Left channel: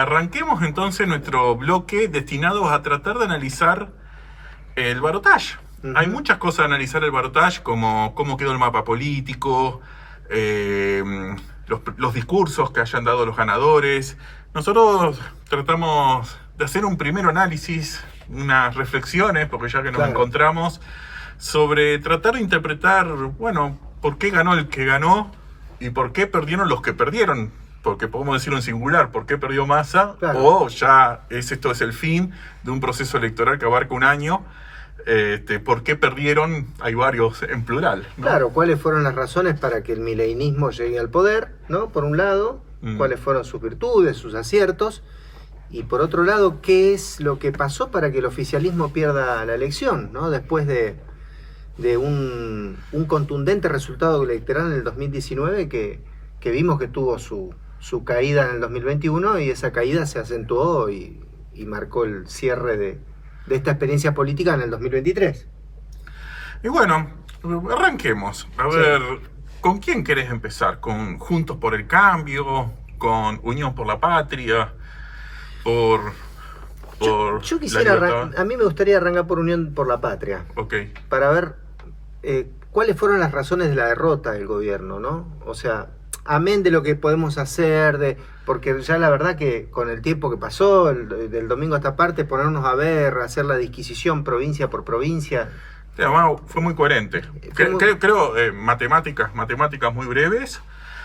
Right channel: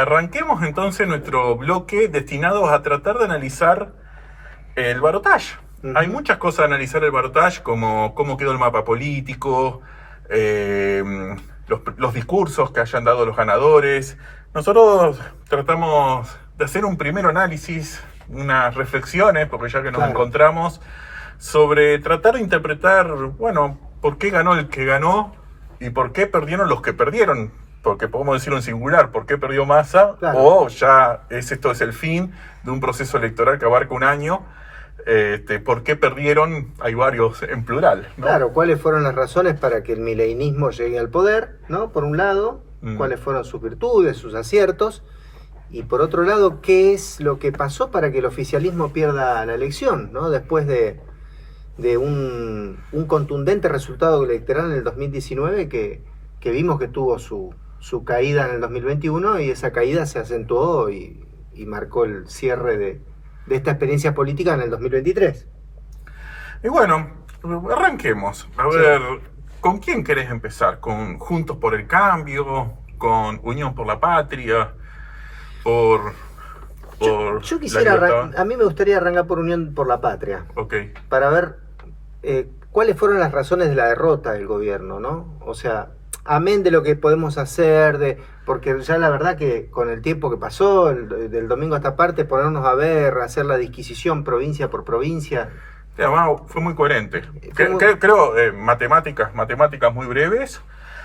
arranquemos entonces nuestro bloque destinado a tratar de analizar el balotaje. Hay muchas cosas a analizar el balotaje, como cómo quedó el mapa político, los discursos que hayan dado los ganadores. Nosotros tratamos de hacer un primer análisis, unas reflexiones, porque ya que nos encontramos, sobre tratar de interpretar, bueno, por qué ganó el que ganó y por qué perdieron los que perdieron. Porque podemos decirlo en singular, ¿por qué perdió Massa? O ya esto es el fin de un proceso electoral que abarca un año. ¿Por qué perdieron? Hay varios en plural, ¿no? Claro, ¿cuáles fueron las razones para que el mileinismo llegue al poder, ¿no? Por un lado, ¿cuáles fueron sus virtudes, sus aciertos? Y por otro lado, ¿qué es lo que pasó para que el oficialismo pierda la elección, ¿no? Después de un contundente resultado electoral en el 2019 que vimos que tuvo su caída en el 2021, y esa caída se acentuó y marcó el cierre de esta experiencia política en el 2023. Y bueno, arranquemos. A ver, ¿con quién querés empezar? ¿Con Juntos por el Cambio? ¿Con Unión por la Patria? Yo quisiera, a mí me gustaría arrancar por Unión por la Patria. Ok. Para ver cuáles fueron las razones de la derrota del gobierno, ¿no? O sea, amén de lo que podemos hacer, porque ya la verdad que con el tiempo que pasó, del domingo a esta parte, ponernos a ver, hacer la disquisición provincia por provincia. Además, fue muy coherente. Creo matemáticas muy breves.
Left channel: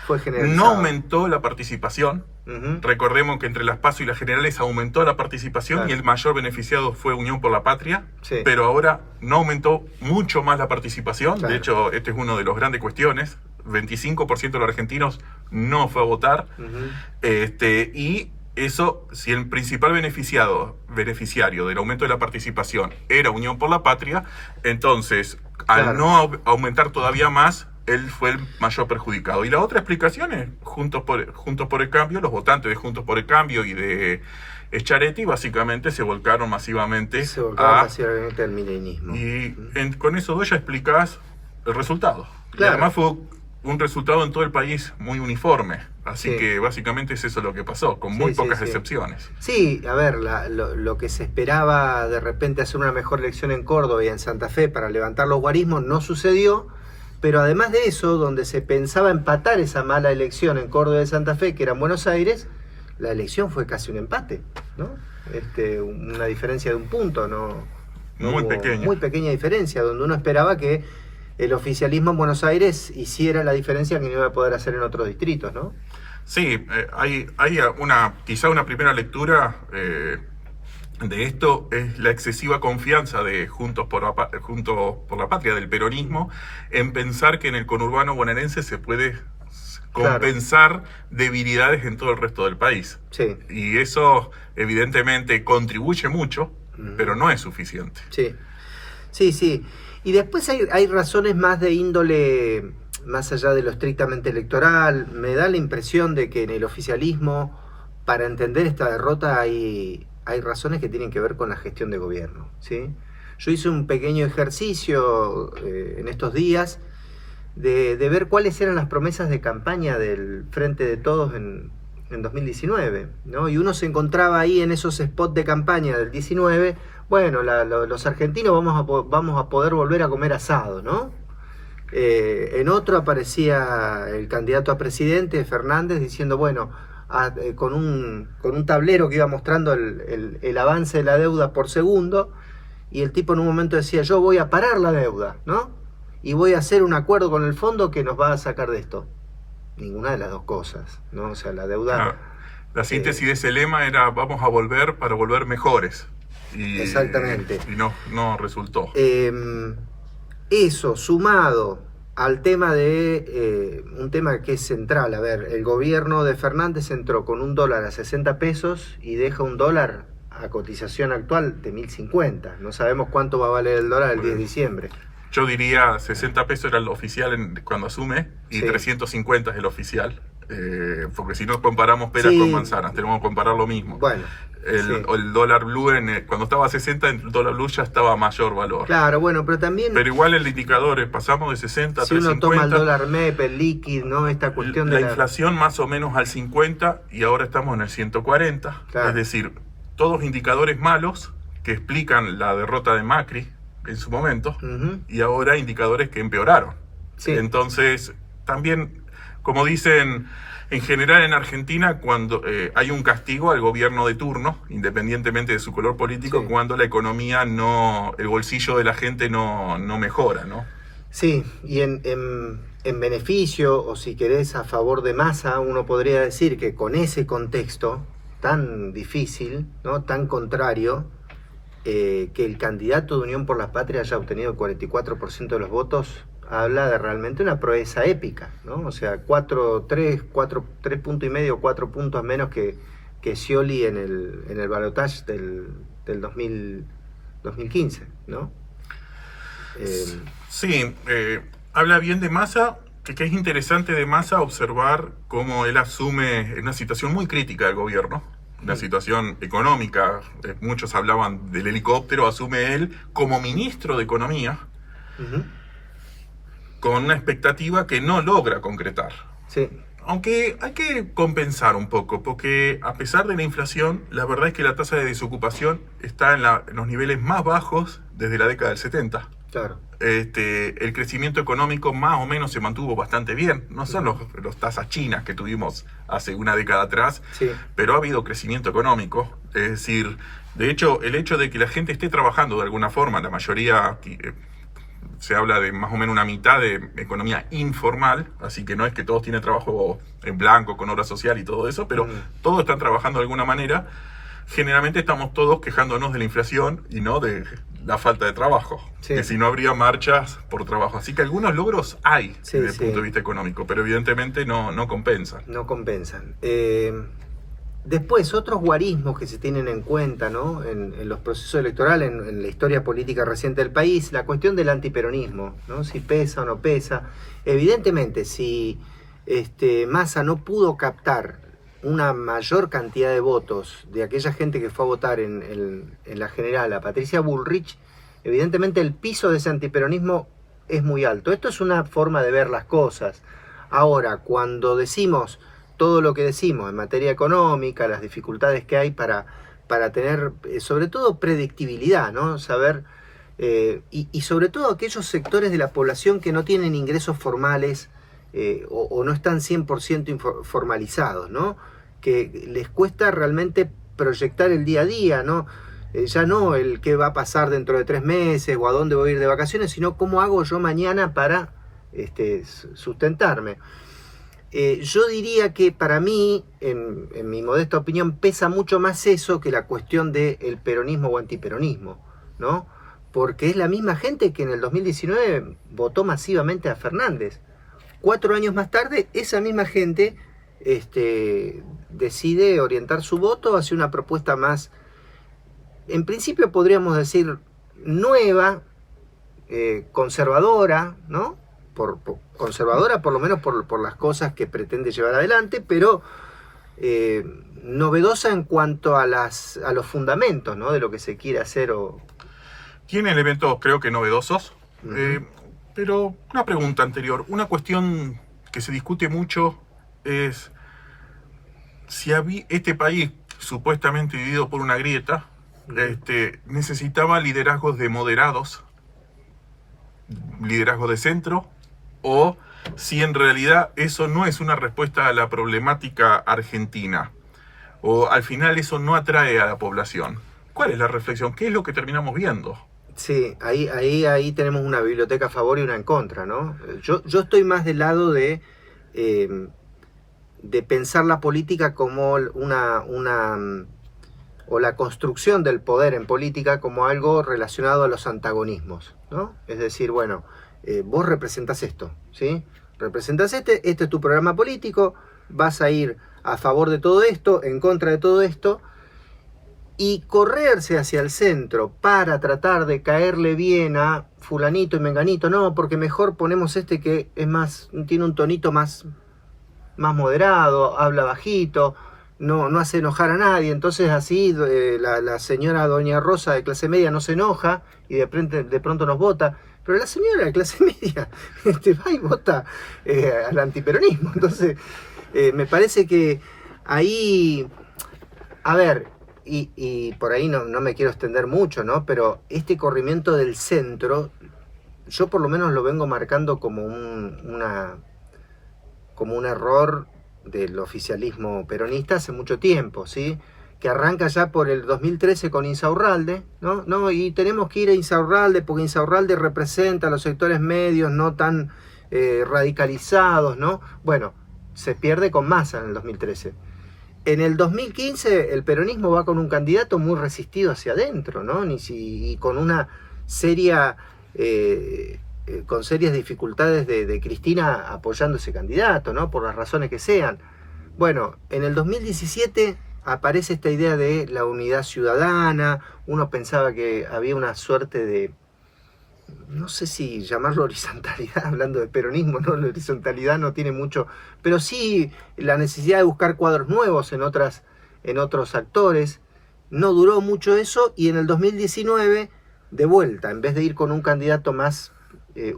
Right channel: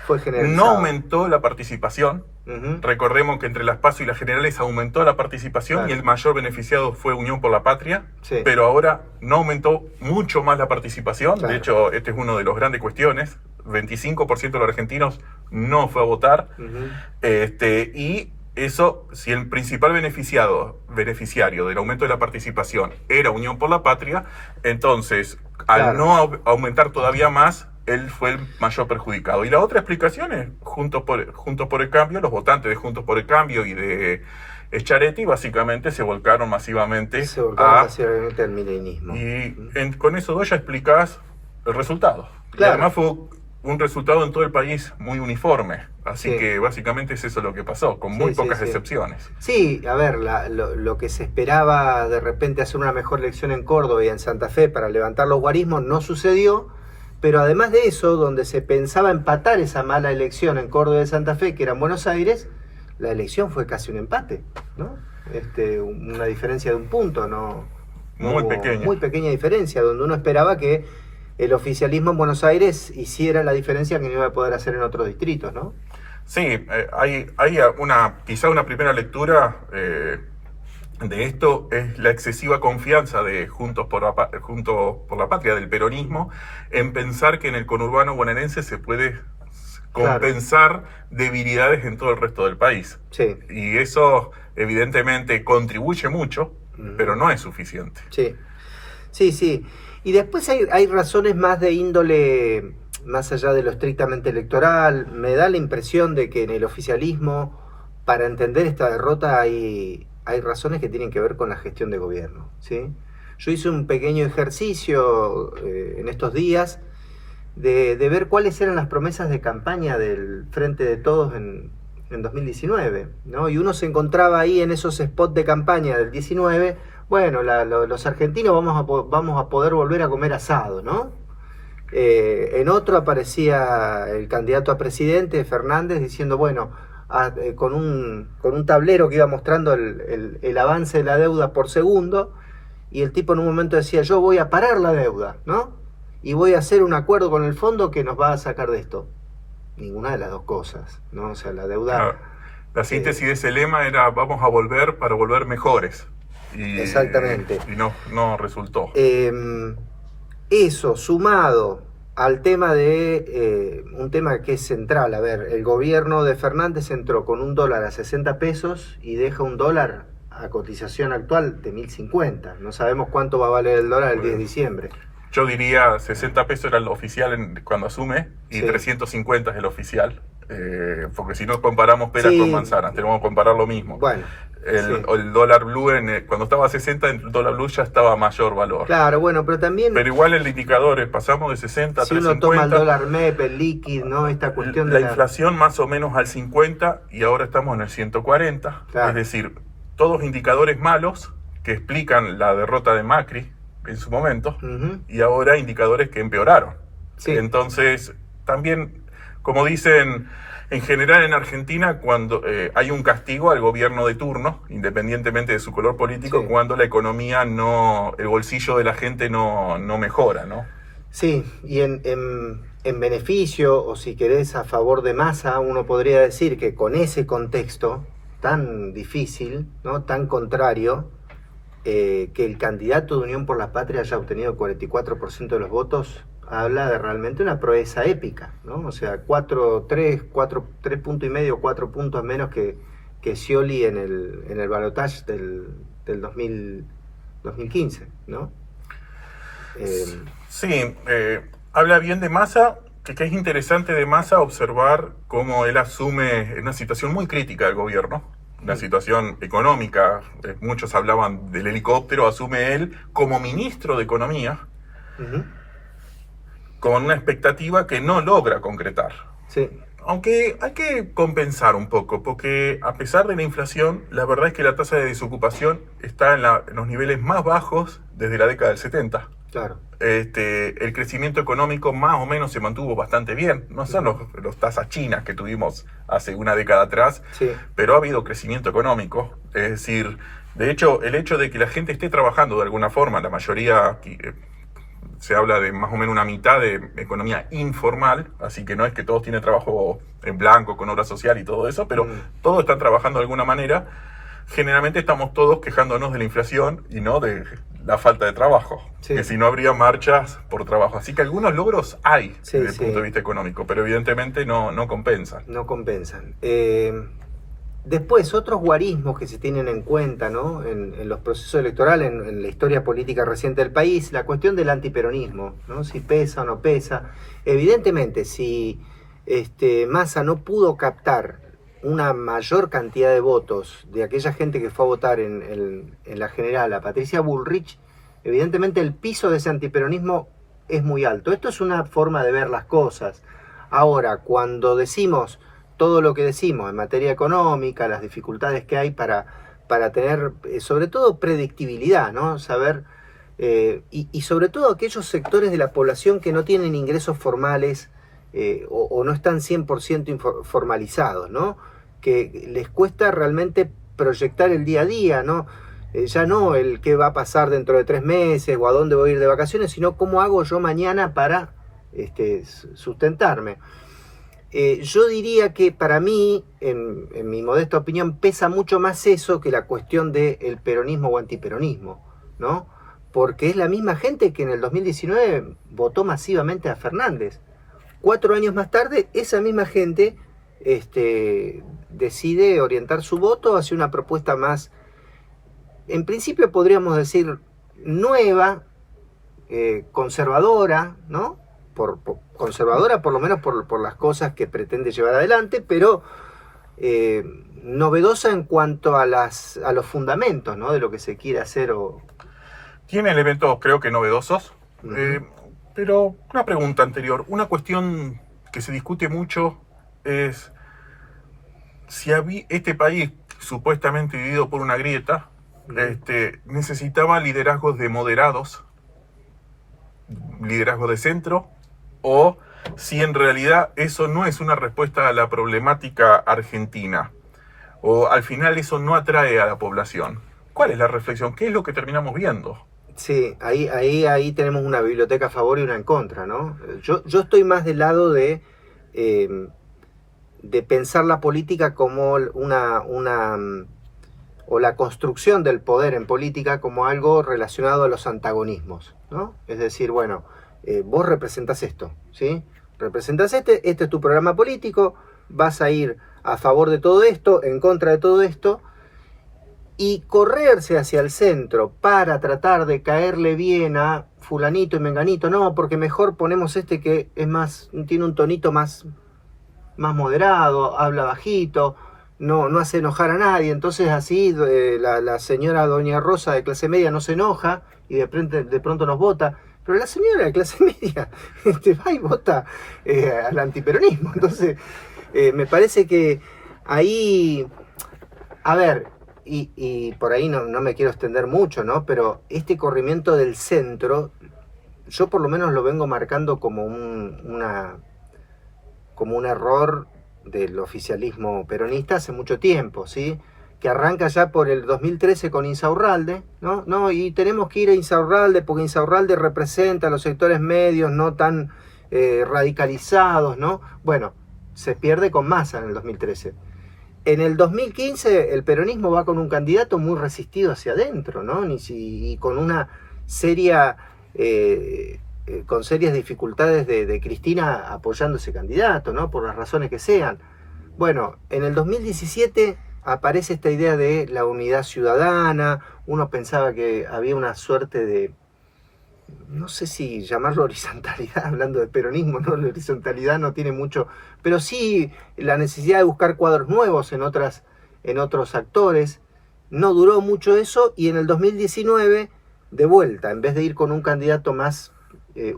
Fue generalizado. No aumentó la participación. Recordemos que entre las PASO y las generales aumentó la participación, y el mayor beneficiado fue Unión por la Patria, pero ahora no aumentó mucho más la participación. De hecho, este es uno de los grandes cuestiones. 25% de los argentinos no fue a votar. Y eso, si el principal beneficiario del aumento de la participación era Unión por la Patria, entonces, al no aumentar todavía más, él fue el mayor perjudicado. Y la otra explicación es Juntos por el Cambio. Los votantes de Juntos por el Cambio y de Schiaretti básicamente se volcaron masivamente al mileinismo. Y con eso ya explicás el resultado. Y además fue un resultado en todo el país muy uniforme. Así que básicamente es eso lo que pasó, con muy pocas excepciones. Sí, a ver, lo que se esperaba de repente hacer una mejor elección en Córdoba y en Santa Fe para levantar los guarismos no sucedió. Pero además de eso, donde se pensaba empatar esa mala elección en Córdoba y Santa Fe, que era en Buenos Aires, la elección fue casi un empate, ¿no? Una diferencia de un punto, ¿no? Muy pequeña. Muy pequeña diferencia, donde uno esperaba que el oficialismo en Buenos Aires hiciera la diferencia que no iba a poder hacer en otros distritos, ¿no? Sí, hay quizá una primera lectura de esto es la excesiva confianza de Juntos por la Patria, del peronismo, en pensar que en el conurbano bonaerense se puede compensar debilidades en todo el resto del país. Y eso evidentemente contribuye mucho, pero no es suficiente. Sí. Y después hay razones más de índole, más allá de lo estrictamente electoral. Me da la impresión de que en el oficialismo, para entender esta derrota, hay razones que tienen que ver con la gestión de gobierno, ¿sí? Yo hice un pequeño ejercicio en estos días de ver cuáles eran las promesas de campaña del Frente de Todos en 2019, ¿no? Y uno se encontraba ahí en esos spots de campaña del 19, bueno, los argentinos vamos a poder volver a comer asado, ¿no? En otro aparecía el candidato a presidente, Fernández, diciendo, bueno, con un tablero que iba mostrando el avance de la deuda por segundo, y el tipo en un momento decía, yo voy a parar la deuda, ¿no? Y voy a hacer un acuerdo con el fondo que nos va a sacar de esto. Ninguna de las dos cosas, ¿no? O sea, la deuda... La síntesis de ese lema era, vamos a volver para volver mejores. Exactamente. Y no resultó. Eso, sumado al tema de un tema que es central. A ver, el gobierno de Fernández entró con $1 a 60 pesos y deja $1 a cotización actual de 1.050. No sabemos cuánto va a valer el dólar el 10 de diciembre. Yo diría 60 pesos era el oficial cuando asume, y 350 es el oficial. Porque si no comparamos peras con manzanas, tenemos que comparar lo mismo. Bueno. el dólar blue, cuando estaba a 60, el dólar blue ya estaba a mayor valor. Claro, bueno, pero también... Pero igual el indicador, pasamos de 60 a 350. Si uno toma el dólar MEP, el líquido, ¿no? Esta cuestión de la inflación más o menos al 50 y ahora estamos en el 140. Claro. Es decir, todos indicadores malos que explican la derrota de Macri en su momento, y ahora indicadores que empeoraron. Sí. Entonces, también, como dicen en general en Argentina, cuando hay un castigo al gobierno de turno, independientemente de su color político, sí, cuando la economía el bolsillo de la gente no mejora, ¿no? Sí, y en beneficio, o si querés a favor de Massa, uno podría decir que con ese contexto tan difícil, ¿no? Tan contrario, que el candidato de Unión por la Patria haya obtenido 44% de los votos, habla de realmente una proeza épica, ¿no? O sea, 3 puntos y medio, 4 puntos menos que Scioli en el balotaje del 2015, ¿no? Sí, habla bien de Massa, que es interesante de Massa observar cómo él asume una situación muy crítica del gobierno, una situación económica. Muchos hablaban del helicóptero, asume él como ministro de Economía, con una expectativa que no logra concretar. Sí. Aunque hay que compensar un poco, porque a pesar de la inflación, la verdad es que la tasa de desocupación está en los niveles más bajos desde la década del 70. Claro. El crecimiento económico más o menos se mantuvo bastante bien. No son los tasas chinas que tuvimos hace una década atrás, sí, pero ha habido crecimiento económico. Es decir, de hecho, el hecho de que la gente esté trabajando de alguna forma, la mayoría... se habla de más o menos una mitad de economía informal, así que no es que todos tienen trabajo en blanco, con obra social y todo eso, pero todos están trabajando de alguna manera. Generalmente estamos todos quejándonos de la inflación y no de la falta de trabajo, sí, que si no habría marchas por trabajo. Así que algunos logros hay, sí, desde el punto de vista económico, pero evidentemente no compensan. No compensan. Después, otros guarismos que se tienen en cuenta, ¿no? en los procesos electorales, en la historia política reciente del país, la cuestión del antiperonismo, ¿no? Si pesa o no pesa. Evidentemente, si Massa no pudo captar una mayor cantidad de votos de aquella gente que fue a votar en la general a Patricia Bullrich, evidentemente el piso de ese antiperonismo es muy alto. Esto es una forma de ver las cosas. Ahora, cuando decimos todo lo que decimos en materia económica, las dificultades que hay para tener, sobre todo, predictibilidad, ¿no? Saber, y sobre todo aquellos sectores de la población que no tienen ingresos formales o no están 100% formalizados, ¿no? Que les cuesta realmente proyectar el día a día, ¿no? Ya no el qué va a pasar dentro de 3 meses o a dónde voy a ir de vacaciones, sino cómo hago yo mañana para sustentarme. Yo diría que para mí, en mi modesta opinión, pesa mucho más eso que la cuestión del peronismo o antiperonismo, ¿no? Porque es la misma gente que en el 2019 votó masivamente a Fernández. 4 años más tarde, esa misma gente decide orientar su voto hacia una propuesta más, en principio podríamos decir, nueva, conservadora, ¿no? Conservadora por lo menos por las cosas que pretende llevar adelante, pero novedosa en cuanto a los fundamentos, ¿no? De lo que se quiere hacer. Tiene elementos creo que novedosos, pero una pregunta anterior, una cuestión que se discute mucho es si este país supuestamente dividido por una grieta, necesitaba liderazgos de moderados, liderazgo de centro, o si en realidad eso no es una respuesta a la problemática argentina, o al final eso no atrae a la población. ¿Cuál es la reflexión? ¿Qué es lo que terminamos viendo? Sí, ahí tenemos una biblioteca a favor y una en contra, ¿no? Yo estoy más del lado de pensar la política como o la construcción del poder en política como algo relacionado a los antagonismos, ¿no? Es decir, bueno, vos representás esto, ¿sí? Representás este es tu programa político, vas a ir a favor de todo esto, en contra de todo esto, y correrse hacia el centro para tratar de caerle bien a fulanito y menganito, no, porque mejor ponemos que es más, tiene un tonito más moderado, habla bajito, no hace enojar a nadie, entonces así la señora doña Rosa de clase media no se enoja y de pronto nos vota, pero la señora de clase media va y vota al antiperonismo. Entonces me parece que ahí, a ver, y por ahí no me quiero extender mucho, ¿no? Pero este corrimiento del centro, yo por lo menos lo vengo marcando como un error del oficialismo peronista hace mucho tiempo, ¿sí? Que arranca ya por el 2013 con Insaurralde, ¿no? Y tenemos que ir a Insaurralde porque Insaurralde representa a los sectores medios no tan radicalizados, ¿no? Bueno, se pierde con Massa en el 2013. En el 2015 el peronismo va con un candidato muy resistido hacia adentro, ¿no? Y con una seria... con serias dificultades de Cristina apoyando ese candidato, ¿no? Por las razones que sean. Bueno, en el 2017 aparece esta idea de la unidad ciudadana. Uno pensaba que había una suerte de, no sé si llamarlo horizontalidad, hablando de peronismo, ¿no? La horizontalidad no tiene mucho, pero sí la necesidad de buscar cuadros nuevos en otros actores. No duró mucho eso, y en el 2019, de vuelta, en vez de ir con un candidato más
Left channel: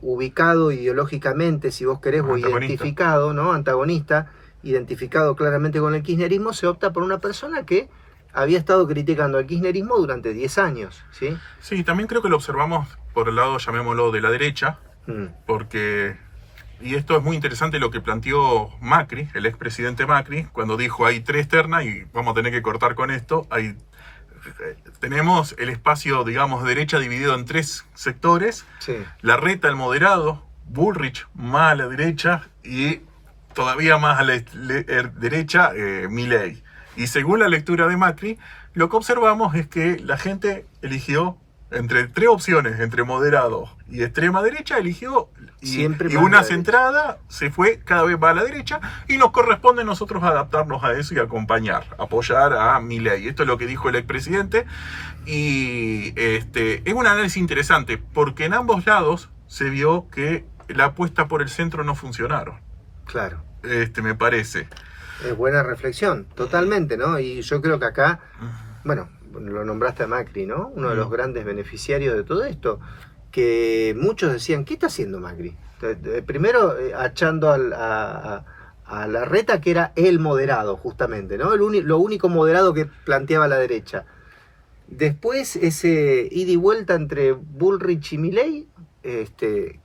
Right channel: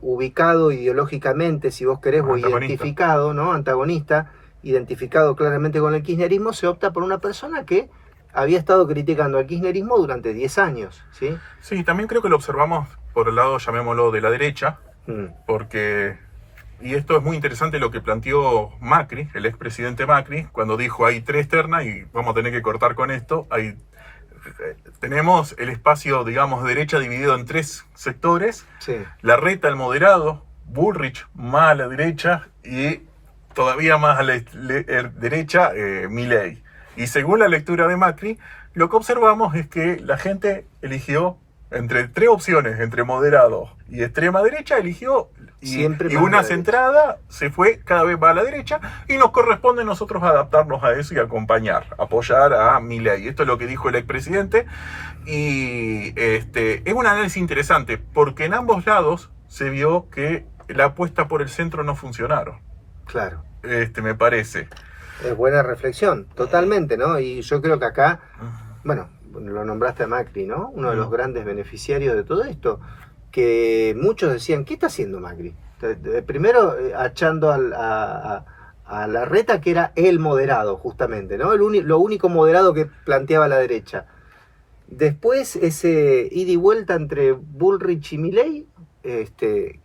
ubicado ideológicamente, si vos querés, o identificado, ¿no? Antagonista, identificado claramente con el kirchnerismo, se opta por una persona que había estado criticando al kirchnerismo durante 10 años, ¿sí? Sí, también creo que lo observamos por el lado, llamémoslo, de la derecha, porque, y esto es muy interesante lo que planteó Macri, el expresidente Macri, cuando dijo hay 3 ternas y vamos a tener que cortar con esto, tenemos el espacio, digamos, de derecha dividido en 3 sectores, sí. Larreta, el moderado, Bullrich, más a la derecha, y todavía más a la derecha, Milei. Y según la lectura de Macri, lo que observamos es que la gente eligió entre 3 opciones, entre moderado y extrema derecha, eligió y una centrada se fue cada vez más a la derecha, y nos corresponde a nosotros adaptarnos a eso y acompañar, apoyar a Milei. Esto es lo que dijo el expresidente, y es un análisis interesante porque en ambos lados se vio que la apuesta por el centro no funcionaron. Claro. Me parece. Es buena reflexión, totalmente, ¿no? Y yo creo que acá, bueno, lo nombraste a Macri, ¿no? Uno de los grandes beneficiarios de todo esto, que muchos decían, ¿qué está haciendo Macri? Primero achando a Larreta, que era el moderado, justamente, ¿no? Lo único moderado que planteaba la derecha. Después ese ida y vuelta entre Bullrich y Milei, que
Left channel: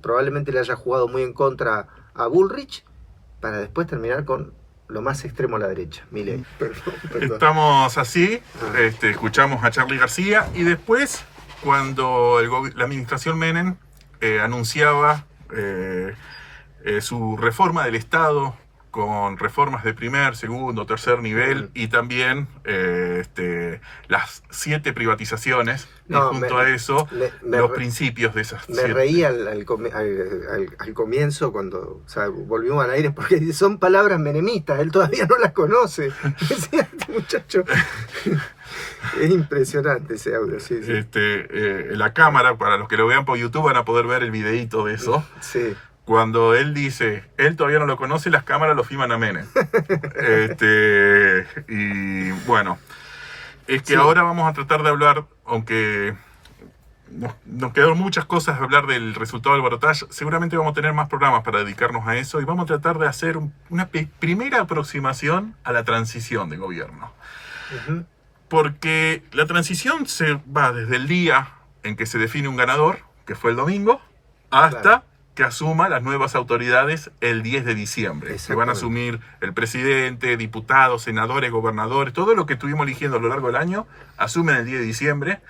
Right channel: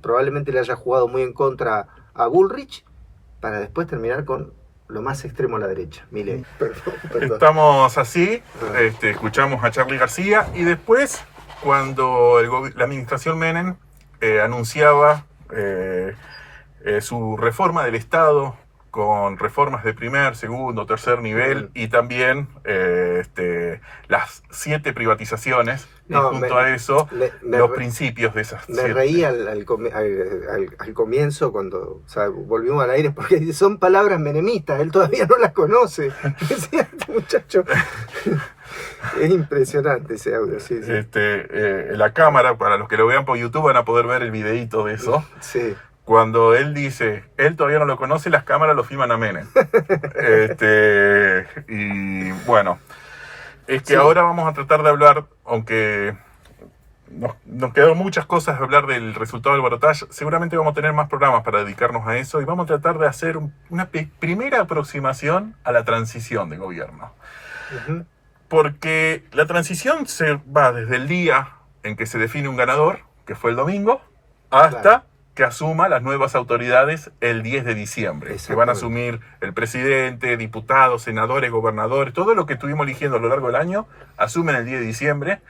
probablemente le haya jugado muy en contra a Bullrich, para después terminar con lo más extremo a la derecha, Milei. Perdón. Estamos así, escuchamos a Charly García, y después, cuando la administración Menem anunciaba su reforma del Estado, con reformas de primer, segundo, tercer nivel, y también las 7 privatizaciones, y junto a eso los principios de esas 7. Me reí al comienzo cuando volvimos al aire, porque son palabras menemistas, él todavía no las conoce. Decía este muchacho. Es impresionante ese audio, sí. La cámara, para los que lo vean por YouTube, van a poder ver el videíto de eso. Sí. Cuando él dice, él todavía no lo conoce, las cámaras lo filman a Menem. Y bueno, es que ahora vamos a tratar de hablar, aunque nos quedaron muchas cosas de hablar del resultado del balotaje, seguramente vamos a tener más programas para dedicarnos a eso, y vamos a tratar de hacer una primera aproximación a la transición de gobierno. Porque la transición se va desde el día en que se define un ganador, que fue el domingo, hasta que asuma las nuevas autoridades el 10 de diciembre. Que van a asumir el presidente, diputados, senadores, gobernadores, todo lo que estuvimos eligiendo a lo largo del año, asumen el 10 de diciembre.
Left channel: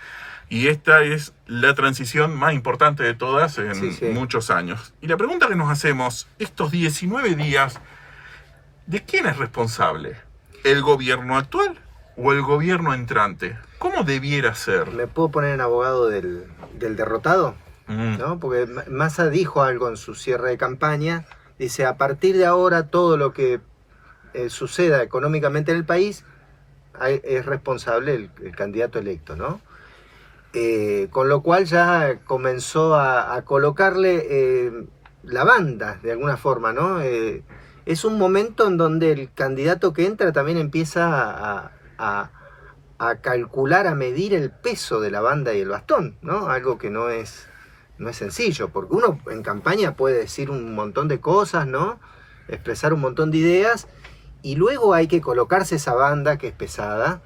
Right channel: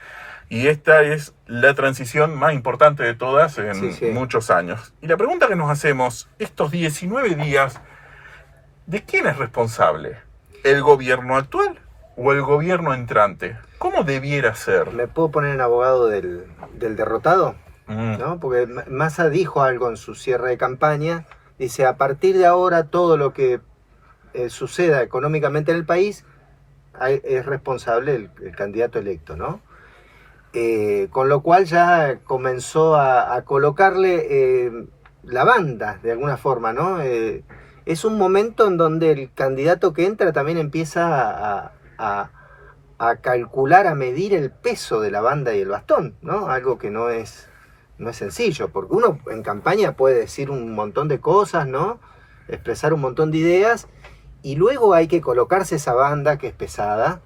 Y esta es la transición más importante de todas en muchos años. Y la pregunta que nos hacemos, estos 19 días, ¿de quién es responsable? ¿El gobierno actual o el gobierno entrante? ¿Cómo debiera ser? ¿Me puedo poner en abogado del derrotado? ¿No? Porque Massa dijo algo en su cierre de campaña, dice, a partir de ahora todo lo que suceda económicamente en el país es responsable el candidato electo, ¿no? Con lo cual ya comenzó a colocarle la banda de alguna forma, ¿no? es un momento en donde el candidato que entra también empieza a calcular, a medir el peso de la banda y el bastón, ¿no? Algo que no es sencillo, porque uno en campaña puede decir un montón de cosas, ¿no? Expresar un montón de ideas, y luego hay que colocarse esa banda que es pesada,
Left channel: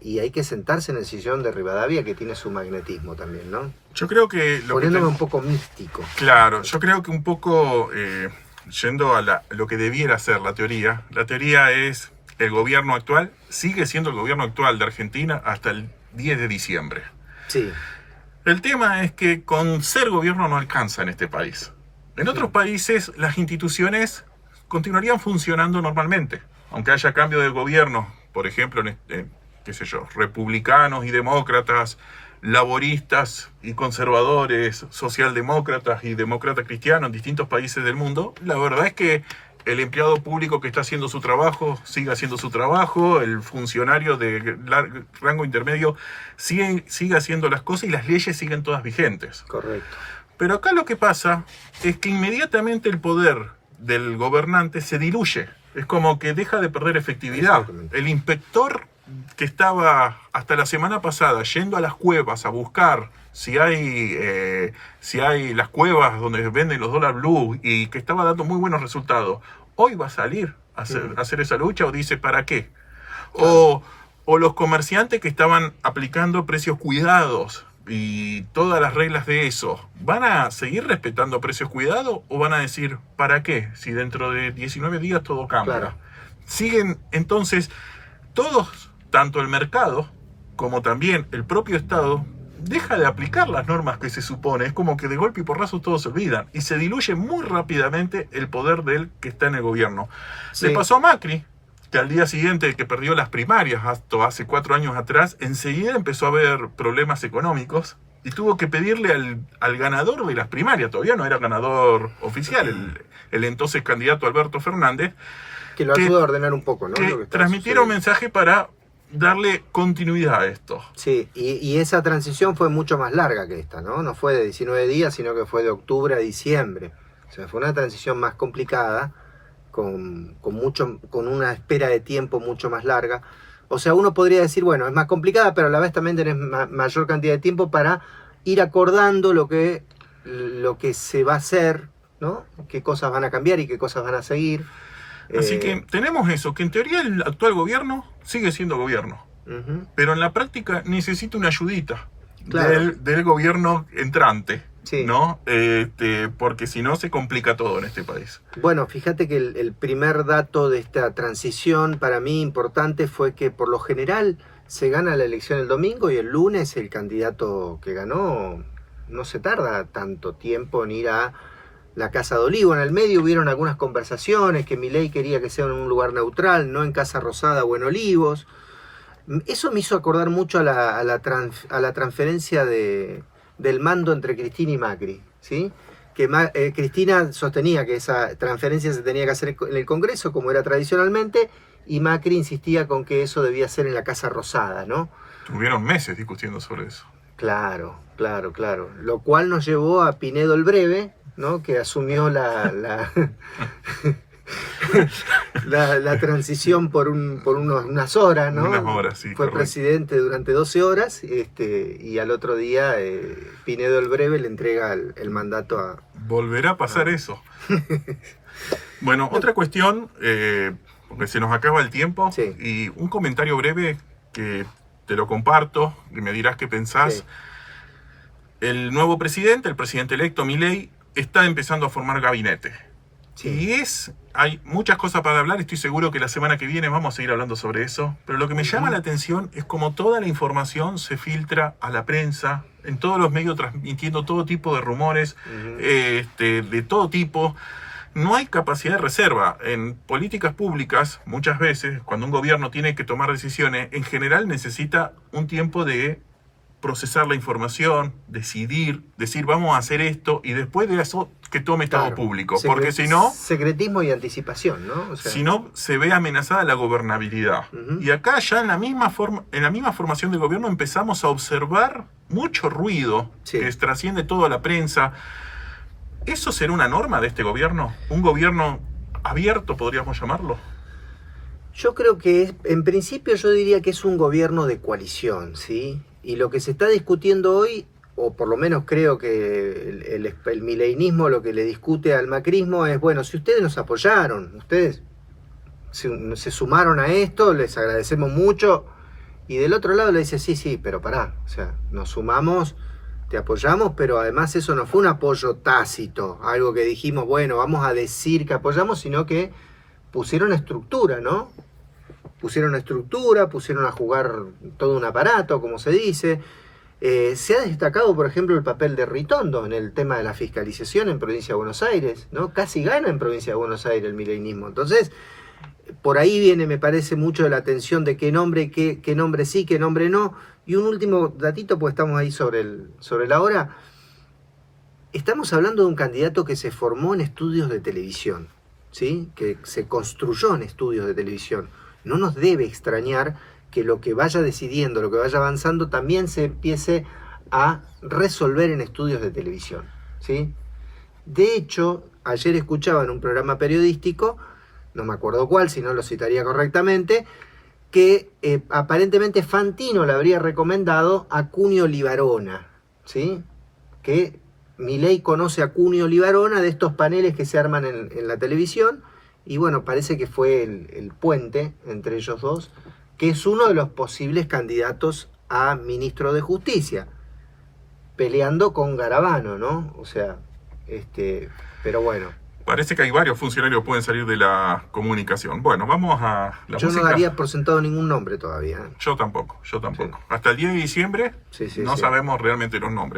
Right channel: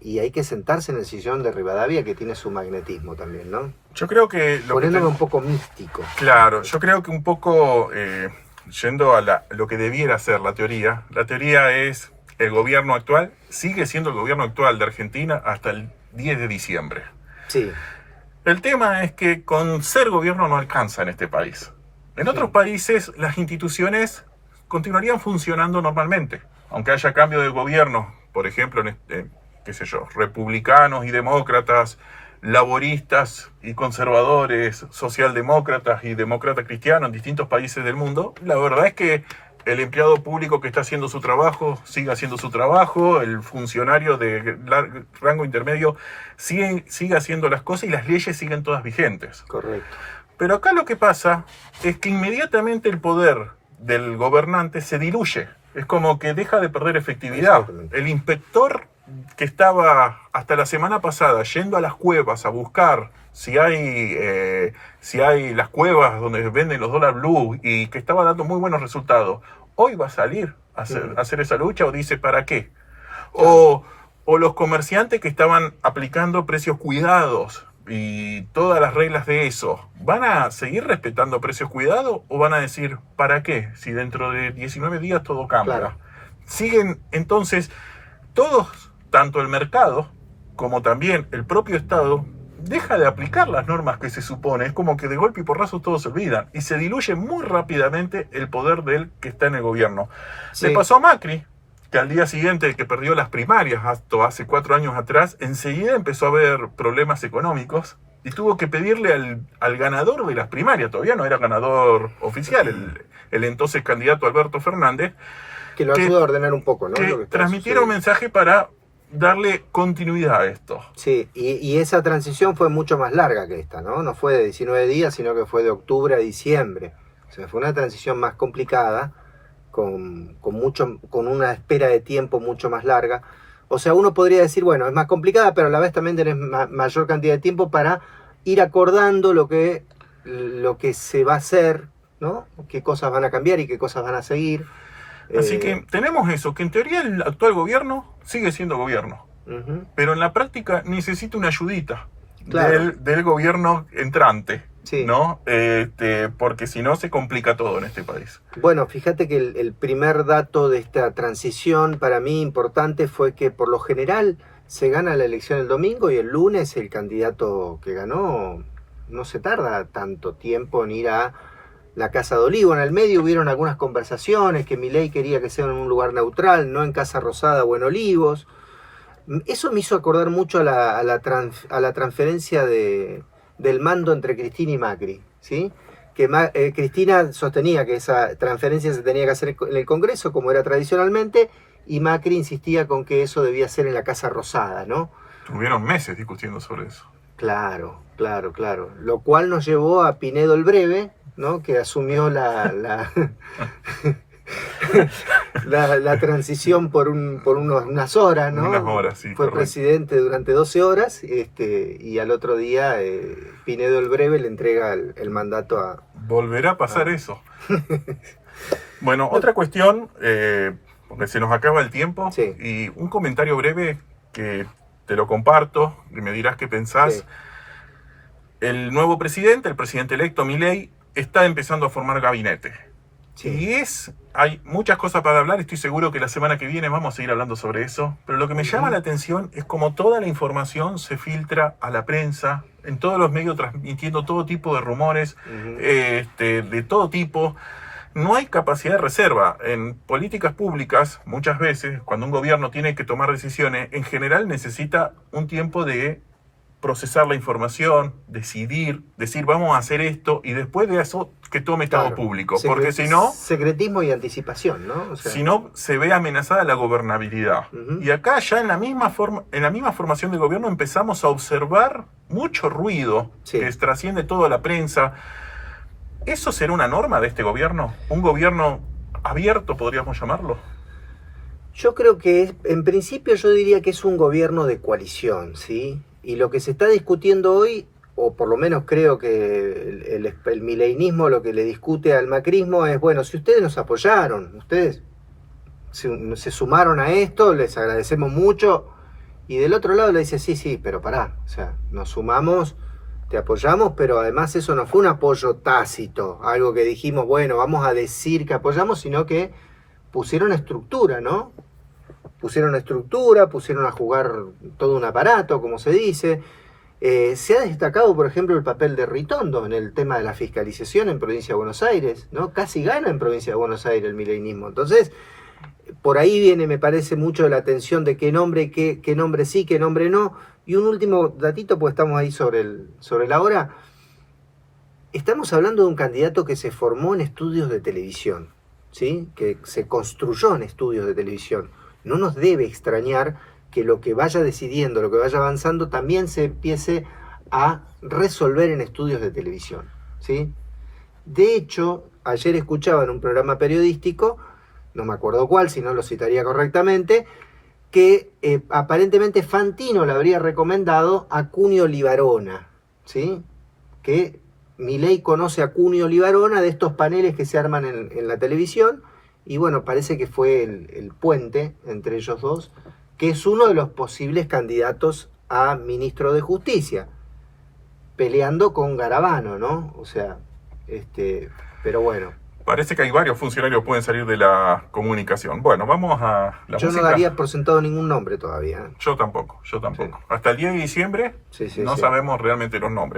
y hay que sentarse en el sillón de Rivadavia, que tiene su magnetismo también, ¿no? Yo creo que... Poniéndome un poco místico. Claro, yo creo que un poco, yendo a lo que debiera ser la teoría es el gobierno actual, sigue siendo el gobierno actual de Argentina hasta el 10 de diciembre. Sí. El tema es que con ser gobierno no alcanza en este país. En otros países las instituciones continuarían funcionando normalmente, aunque haya cambio de gobierno, por ejemplo, qué sé yo, republicanos y demócratas, laboristas y conservadores, socialdemócratas y demócratas cristianos en distintos países del mundo. La verdad es que el empleado público que está haciendo su trabajo sigue haciendo su trabajo, el funcionario de rango intermedio sigue haciendo las cosas y las leyes siguen todas vigentes. Correcto. Pero acá lo que pasa es que inmediatamente el poder del gobernante se diluye. Es como que deja de perder efectividad. El inspector que estaba hasta la semana pasada yendo a las cuevas a buscar si hay las cuevas donde venden los dólar blue y que estaba dando muy buenos resultados, hoy va a salir a hacer esa lucha, o dice ¿para qué? O los comerciantes que estaban aplicando precios cuidados y todas las reglas de eso, ¿van a seguir respetando precios cuidados o van a decir ¿para qué? Si dentro de 19 días todo cambia. Claro. Siguen entonces todos, tanto el mercado como también el propio Estado, deja de aplicar las normas que se supone. Es como que de golpe y porrazo todos se olvidan y se diluye muy rápidamente el poder del que está en el gobierno. Sí. Le pasó a Macri, que al día siguiente que perdió las primarias, hasta hace 4 años atrás, enseguida empezó a haber problemas económicos y tuvo que pedirle al ganador de las primarias, todavía no era ganador oficial, el entonces candidato Alberto Fernández, que lo ayuda a ordenar un poco, ¿no? Que transmitiera un mensaje para darle continuidad a esto. Sí, y esa transición fue mucho más larga que esta, ¿no? No fue de 19 días, sino que fue de octubre a diciembre. O sea, fue una transición más complicada, con una espera de tiempo mucho más larga. O sea, uno podría decir, bueno, es más complicada, pero a la vez también tenés mayor cantidad de tiempo para ir acordando lo que se va a hacer, ¿no? Qué cosas van a cambiar y qué cosas van a seguir. Así que tenemos eso, que en teoría el actual gobierno sigue siendo gobierno, pero en la práctica necesita una ayudita, claro, del gobierno entrante, sí, ¿no? Porque si no se complica todo en este país. Bueno, fíjate que el primer dato de esta transición para mí importante fue que por lo general se gana la elección el domingo y el lunes el candidato que ganó no se tarda tanto tiempo en ir a la Casa de Olivo. En el medio hubieron algunas conversaciones que Milei quería que sea en un lugar neutral, no en Casa Rosada o en Olivos. Eso me hizo acordar mucho a la transferencia del mando entre Cristina y Macri, ¿sí? Que Cristina sostenía que esa transferencia se tenía que hacer en el Congreso, como era tradicionalmente, y Macri insistía con que eso debía ser en la Casa Rosada, ¿no? Tuvieron meses discutiendo sobre eso. Claro. Lo cual nos llevó a Pinedo el Breve, ¿no? Que asumió la transición por unas horas, ¿no? Unas horas, sí. Fue correcto. Presidente durante 12 horas y al otro día Pinedo el Breve le entrega el mandato a... Volverá a pasar eso. Bueno, otra cuestión, porque se nos acaba el tiempo, sí, y un comentario breve que te lo comparto y me dirás qué pensás. Sí. El nuevo presidente, el presidente electo Milei, está empezando a formar gabinete. Sí. Y hay muchas cosas para hablar, estoy seguro que la semana que viene vamos a seguir hablando sobre eso, pero lo que me llama la atención es cómo toda la información se filtra a la prensa, en todos los medios transmitiendo todo tipo de rumores, de todo tipo. No hay capacidad de reserva. En políticas públicas, muchas veces, cuando un gobierno tiene que tomar decisiones, en general necesita un tiempo de procesar la información, decir vamos a hacer esto y después de eso que tome estado público, porque si no... Secretismo y anticipación, ¿no? O sea, si no, se ve amenazada la gobernabilidad. Y acá ya en la misma formación de gobierno empezamos a observar mucho ruido que trasciende toda la prensa. ¿Eso será una norma de este gobierno? ¿Un gobierno abierto, podríamos llamarlo? Yo creo que en principio yo diría que es un gobierno de coalición, ¿sí? Y lo que se está discutiendo hoy, o por lo menos creo que el mileinismo lo que le discute al macrismo es, bueno, si ustedes nos apoyaron, ustedes se sumaron a esto, les agradecemos mucho, y del otro lado le dice, sí, pero pará, o sea, nos sumamos, te apoyamos, pero además eso no fue un apoyo tácito, algo que dijimos, bueno, vamos a decir que apoyamos, sino que pusieron estructura, ¿no? Pusieron estructura, pusieron a jugar todo un aparato, como se dice. Se ha destacado, por ejemplo, el papel de Ritondo en el tema de la fiscalización en Provincia de Buenos Aires, ¿no? Casi gana en Provincia de Buenos Aires el mileinismo. Entonces, por ahí viene, me parece, mucho de la atención de qué nombre, qué nombre sí, qué nombre no. Y un último datito, pues estamos ahí sobre la hora. Estamos hablando de un candidato que se formó en estudios de televisión, ¿sí? Que se construyó en estudios de televisión. No nos debe extrañar que lo que vaya decidiendo, lo que vaya avanzando, también se empiece a resolver en estudios de televisión, ¿sí? De hecho, ayer escuchaba en un programa periodístico, no me acuerdo cuál, si no lo citaría correctamente, que aparentemente Fantino le habría recomendado a Cunio Libarona, ¿sí? Que Milei conoce a Cunio Libarona de estos paneles que se arman en la televisión, y bueno, parece que fue el puente entre ellos dos, que es uno de los posibles candidatos a ministro de Justicia, peleando con Garabano, ¿no? O sea, pero bueno. Parece que hay varios funcionarios que pueden salir de la comunicación. Bueno, vamos a la música. Yo no daría por sentado ningún nombre todavía. Yo tampoco. Sí. Hasta el 10 de diciembre no sabemos realmente los nombres.